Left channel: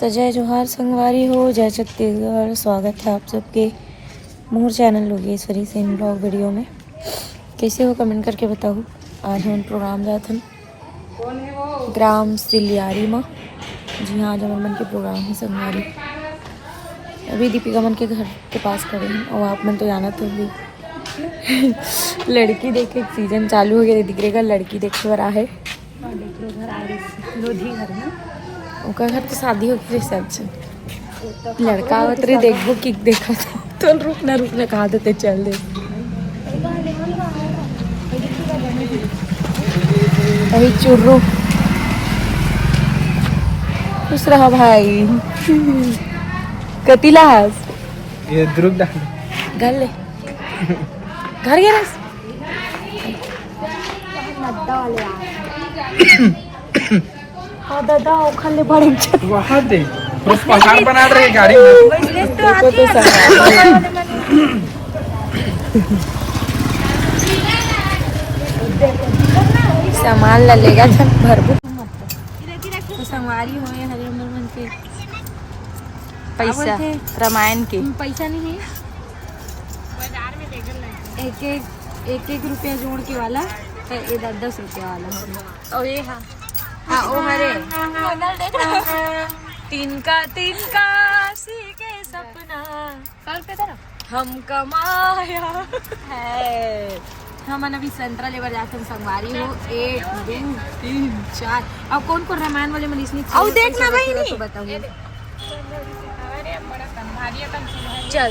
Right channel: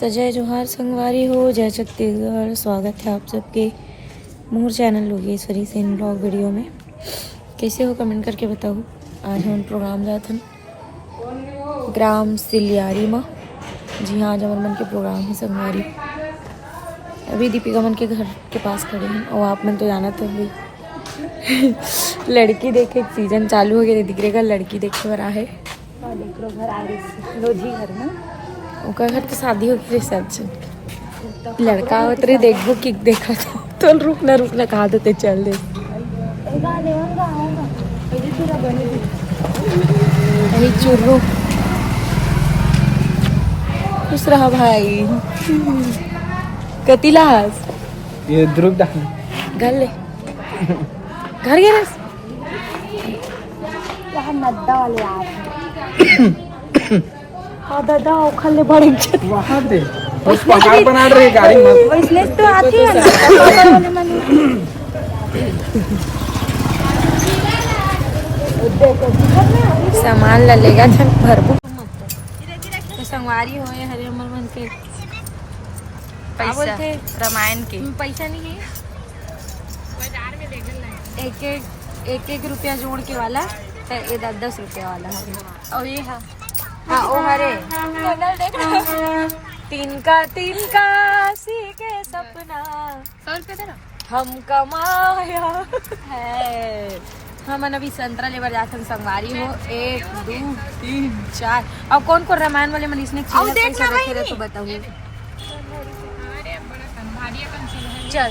तो जय जोहार संगवारी हो, जय छत्तीसगढ़। स्वागत है आप सबके मोर चैनल लोगेश्वरी सेन ब्लॉग वीडियो में। कैसे हो कमेंट करके बताओ। आज हम प्रोग्राम जात हन ग्राम सिलियारी में। जी हाँ, आज हमारे मन के प्रोग्राम है संगवारी। अभी दीपिका मन के घर के पास खड़े हैं और आप मन तो जाना तो भी लड़की देखे सीजन चालू हो गया। दिख का लड़की देखे बर है ओका घर तो शादी हो गई रिसेप्शन। लड़का आवत रे देखबो कि देखा तो रुक ना कहा देते चल दे। अभी चुर्रू खुश रहा भाई। कतिला हास ये ध्रुव डाल घर ले घर गया रस हाँ दादा खाले बड़े वहाँ दे बस पहाड़ बना रहे गाड़ी में इसलिए तो आती है। सामान ला लेगा जब भरबू संगवारी हो हरे उमर मन के पैसा रामायण के पैसा नहीं है। बाजार में एक रुपया जोड़ के वाला ये 10 रुपया वाला। और ये हाँ ओ हरे देख रहा तीन का सी के सपना 100 रुपया दे हम कमाया है। हम अभी संतरा लेवर जाते हैं संगवारी हो 1 2 3 4 और कौन कौन रामायण वाले मनीष ने देखना भाई नहीं चल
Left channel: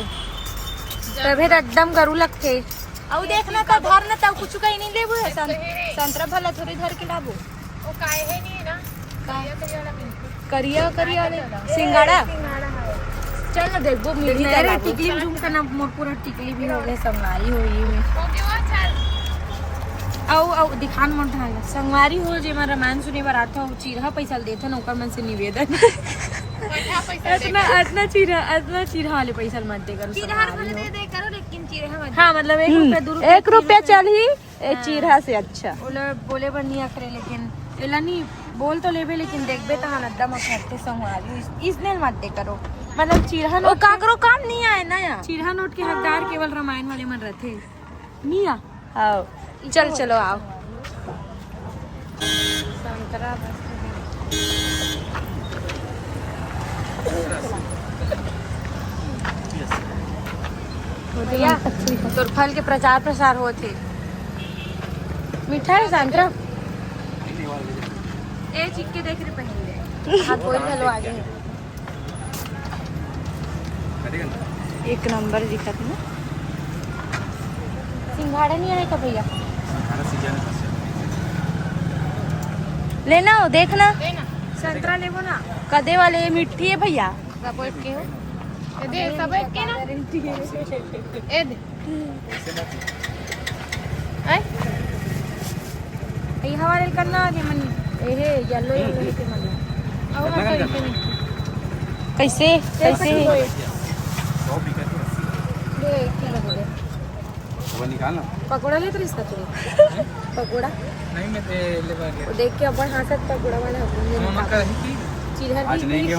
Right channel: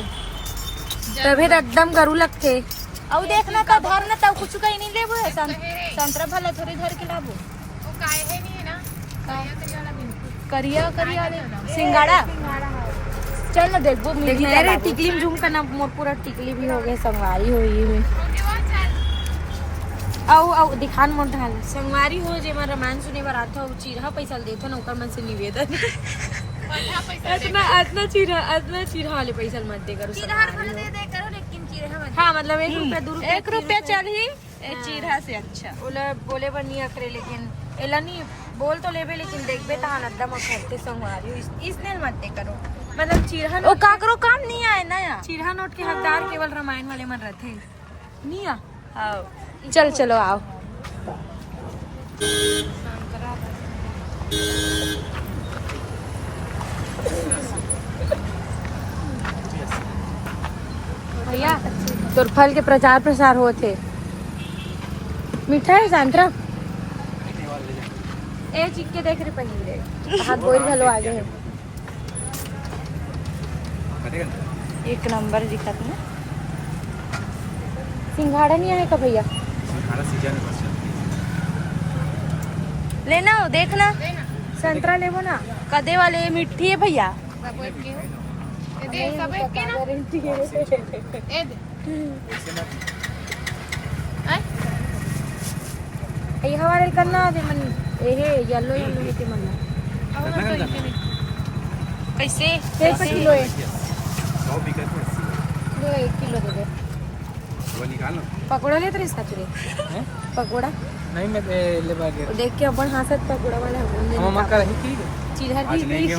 तभी एकदम करू लगते और देखना का धर ना तब कुछ कहीं नहीं लेबो है संतरा भला थोड़ी धर के लाबो ओ काहे है नहीं ना करिया सिंगाड़ा चल ना देखबो मिली ला लाबो टिकली झुम का ना मोर पूरा टिकली भी हो गए संगवारी हो ये औ दिखान मोर ढाल संगवारी हो जे मैं रामायण सुने बर आता हो चीरहा पैसा देथो न ओकर मन से निवेदन इतना चीरहा वाले पैसा मत दे करो लेकिन चीरहा हाँ मतलब 1 रुपया चल ही चीरहा से अच्छा बोले पर नहीं अकरे लेकिन एला नहीं बोल तो लेबे लेकिन देखबे तो एकदम अच्छे संगवारी इसने मत दे करो मतलब चीरहा ओ काकरो काम नहीं आए ना यार। चीरहा नोट के हकदार केवल रामायण वाले मन रहते नहीं आओ चलो आओ भैया तो फल के प्रचार प्रसार हुए थे मिठाई संतरा ए चिक्के देख रहे पहले हाथ बोल भलो आ गए एक नंबर दिखत ना सिंघाड़ा नहीं आने का भैया लेना हो देखना संतरा लेबो ना कदे वाले मिट्टी है भैया हमारे करना येलो के मन कैसे वो निकालना पकोड़ा ले तो इसका चले पकोड़ा नहीं मैं ले पा गया देख के अपन हाथ से पकोड़ा वाला मामा का रही की चिरहा आज नहीं गया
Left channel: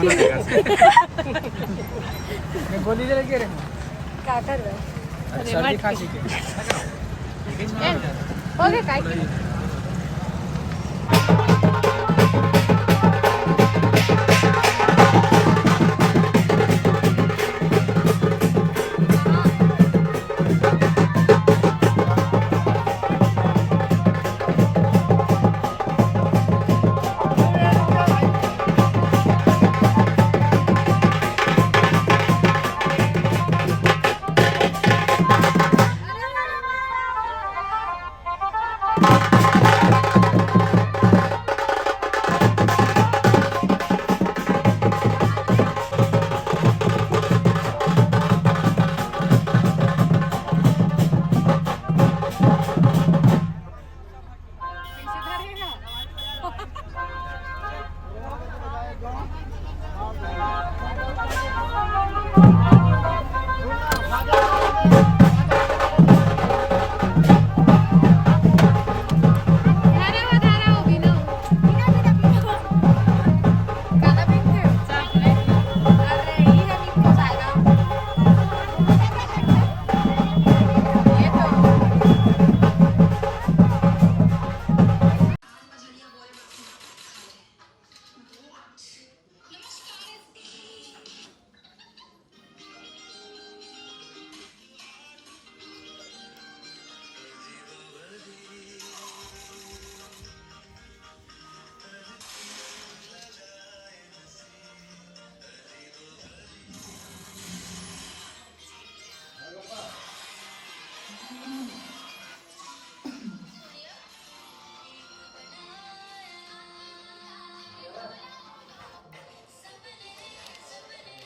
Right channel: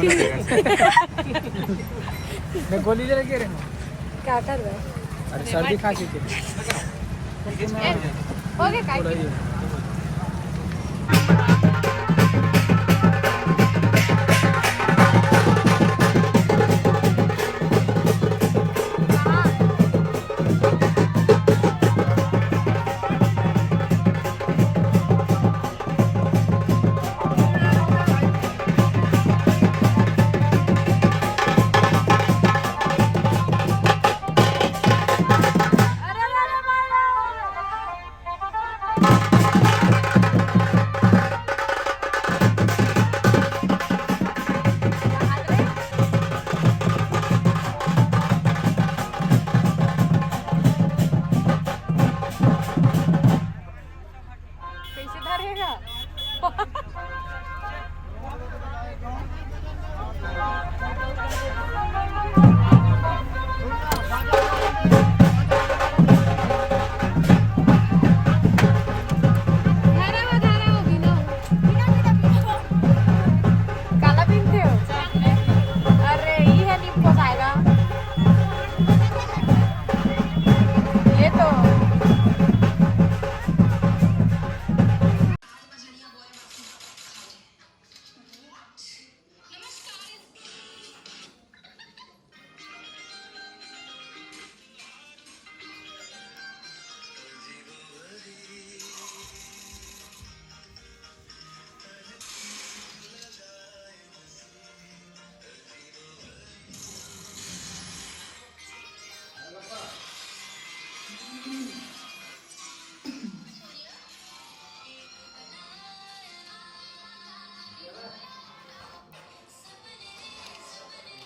मैं गोली ले रहे क्या कर रहा है सर्दी खांसी के ओके काय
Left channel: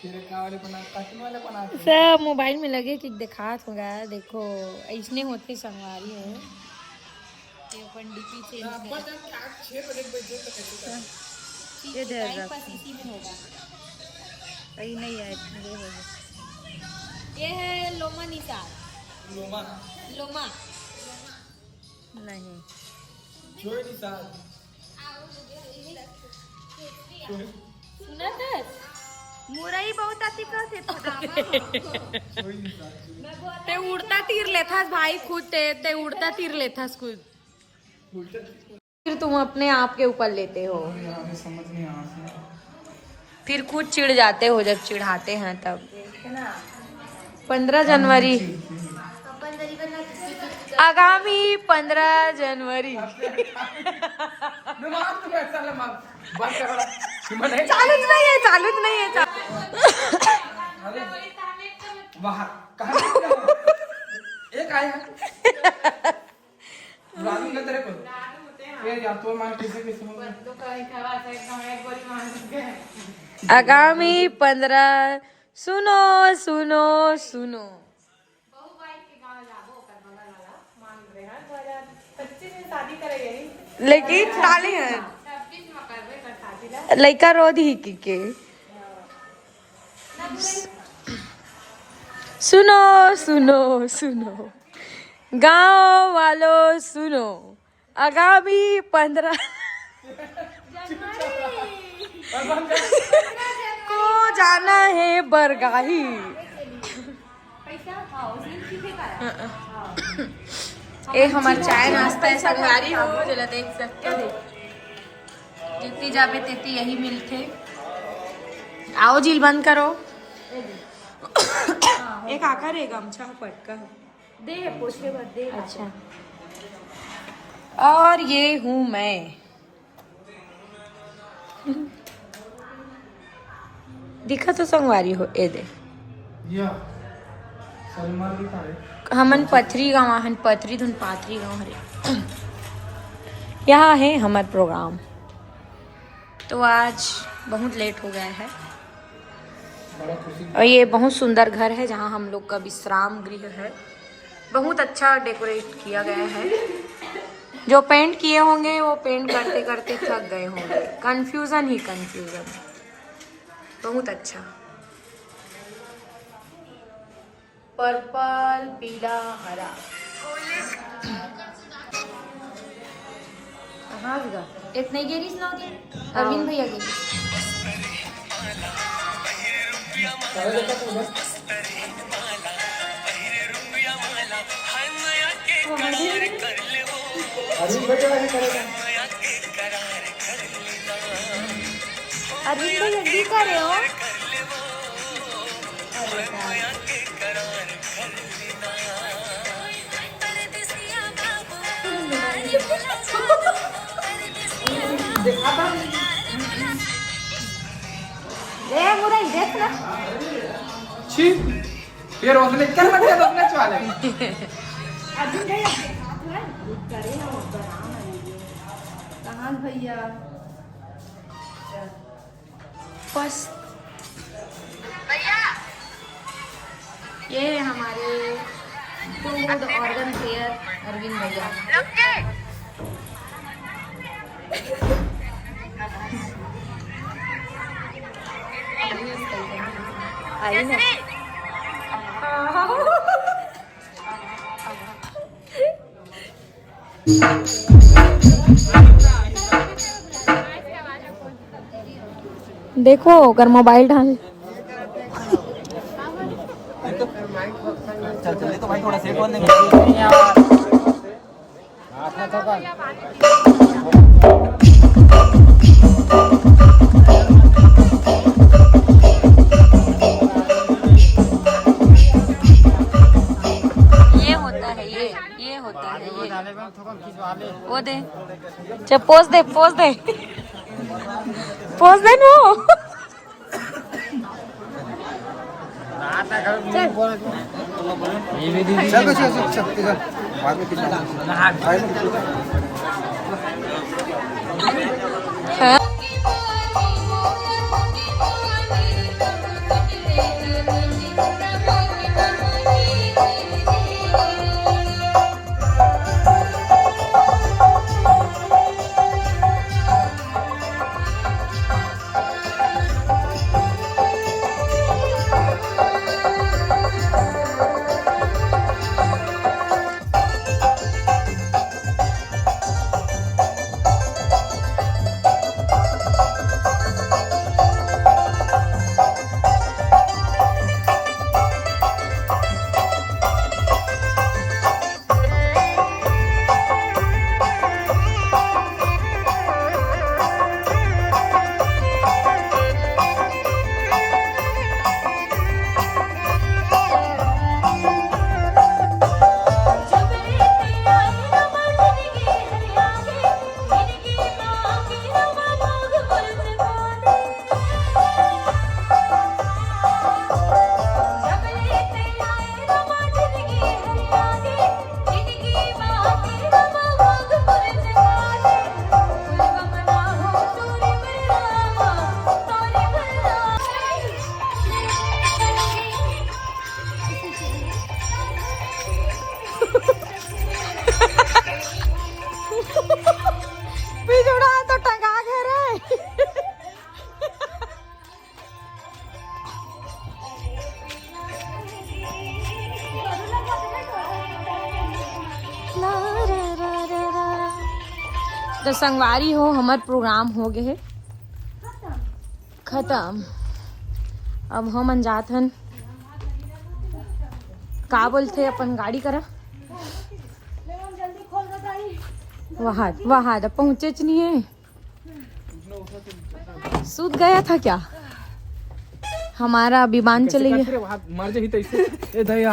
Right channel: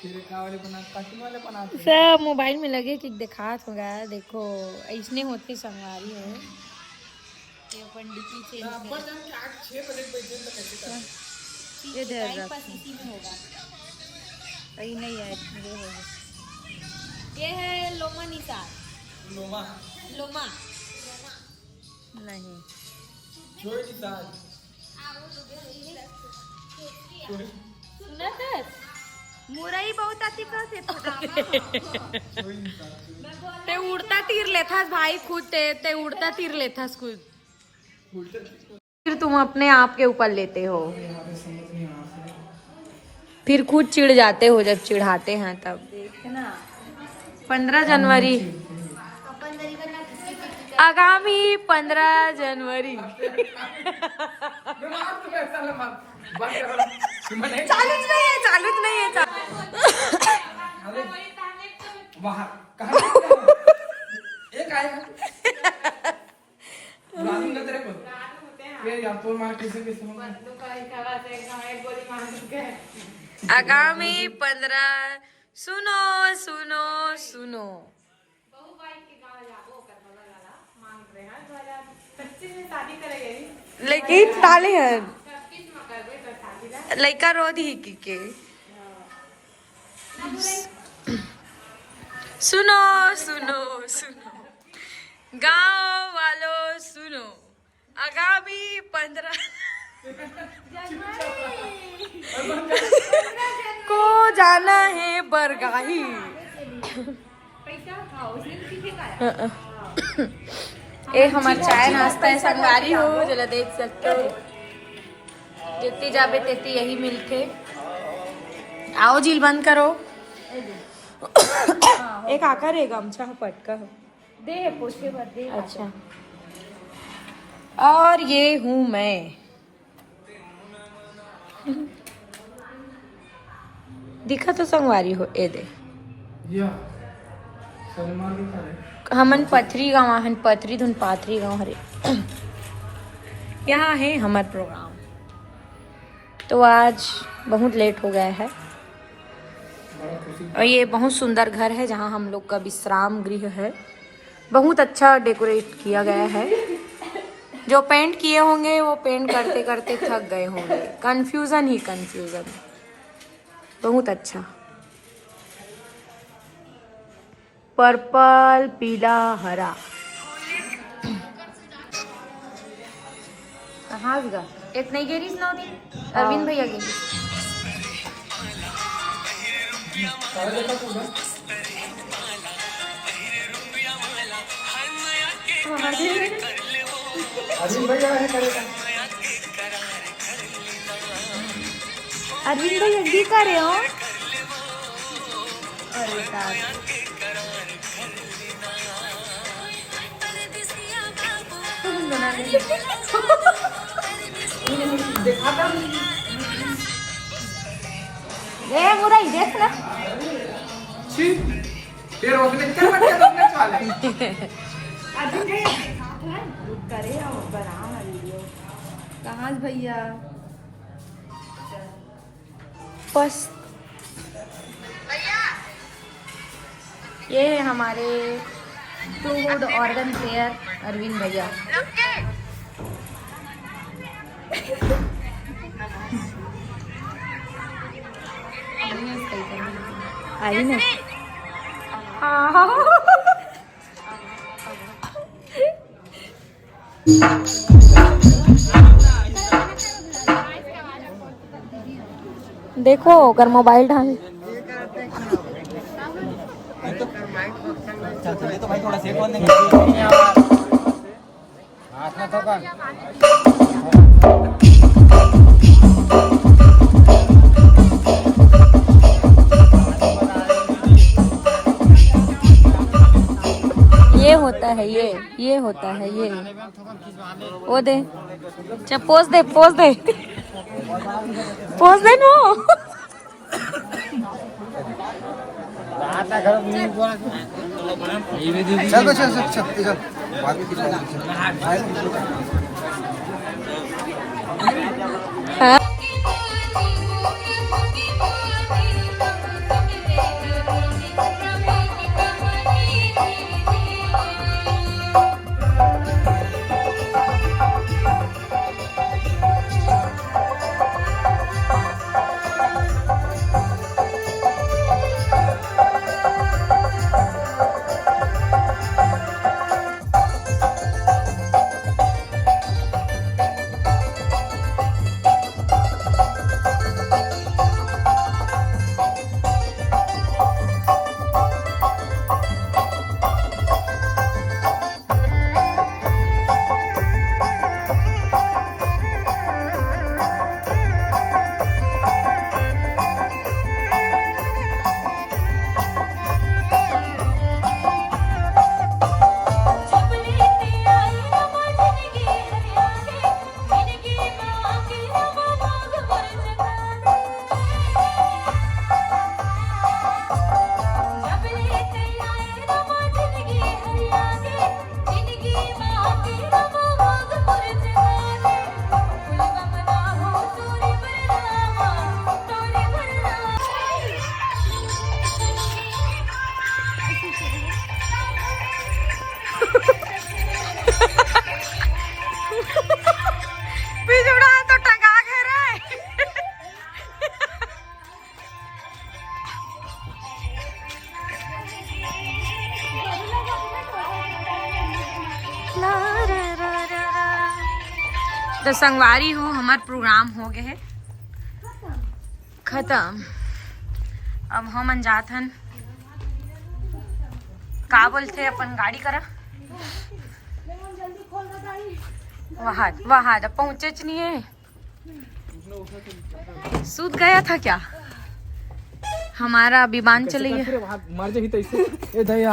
तेरे का वाले बना कार्टून वाले बनाते हैं। सब मोबाइल में लगे कि दिखात होगा। देखो ऐसने होते संगवारी हो ये पंडित जी चेंज अब्बा जान के 6 बजे बजे तक कैसे कर ये टाइम पास इसी में होगा। सही नहीं है मेरे हो ये है लोमा निसार लोमा लोमा नहीं जोई निसार सुना था मुरई बहुत आती कहते जोई निसार ते उड़ता तीर लेथास भाई खुद ते उड़ता तीर लेथास खुद उल्टा फिर तुम अपने आप के ऊपर लेते हो समझ नहीं आ रहा। फिर खुद चिढ़ जाते हो जब चिढ़ाते हैं तब 15 जनवरी आगामी 15 जनवरी चालूच नहीं है बाहर कहाँ एक आया लालू ना तेरे को ये यार तो मैं किसी भी सुन आगामी 15 सुनो सुनो सुनो लेकिन ताली है लड़का रोध ही के सुनो सुनो सुनो गांव वालों सुनो आगामी 15 को जाना है बरगाही ये हमारा चाय नाश्ता है संगवारी हो जरा देख सकते हो इतनी जाबे तेती यही मिलते आओ झील बंद करो एक आकर है गमछा पटका दे पोछ के बाद दे अच्छा और ये हूँ मैं दिखा तो संगवारी हो ए दे या सलमान दिखा रहे हमन पथरी गाँव हन पथरी धुन पाथरी गाँव हरे यहाँ है हमारा प्रोग्राम तो आज बहुत लेट हो गया है और ये बहुत सुंदर घर है जहाँ हम लोग का विश्राम गृह है बहुत अच्छा डेकोरेट किया गया है जो पेंट किए होंगे वो पेंट करते करते थक गए होंगे कंफ्यूजन ही कंफ्यूजन बहुत अच्छा पर्पल पीला हरा कहाँ गया इतना ही गेरीज ना होती अरविंद भैया गेरीज अरविंद भैया है करेगा अरविंद भैया कर रहे हो फिर वो ने कर रखा था अपना चाल है अर्जुन भैया करे हम बना वीडियो कहाँ भैया बस ये है हमारे फूड ऑर्गन केयर अरविंद भैया देखो अगर मोबाइल ढाल तो भाई थोड़ा सेक होने ये होता है ये होता है ये वो दे चल पोज दे नो चल बाद में तो संगवारी हो हमार प्रोग्राम हो गए है खत्म। अब हम जात हन का बोलते अपन गाड़ी करा वहाँ तो पहुंचे नहीं है। सूत गया था क्या हमारा विमान चले गया। मर जाही तो ऐसे ए दया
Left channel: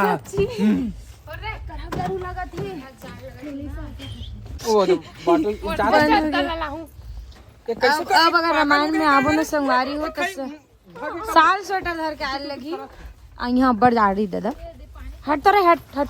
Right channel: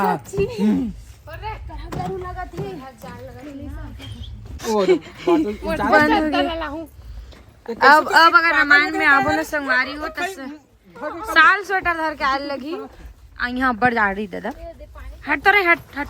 ओ बॉटल बंद हो गया। अब अगर रामायण में आबो न संगवारी हो तो साल स्वेटर धर के आल लगी यहाँ पर जा रही दादा हट तो रे हट हट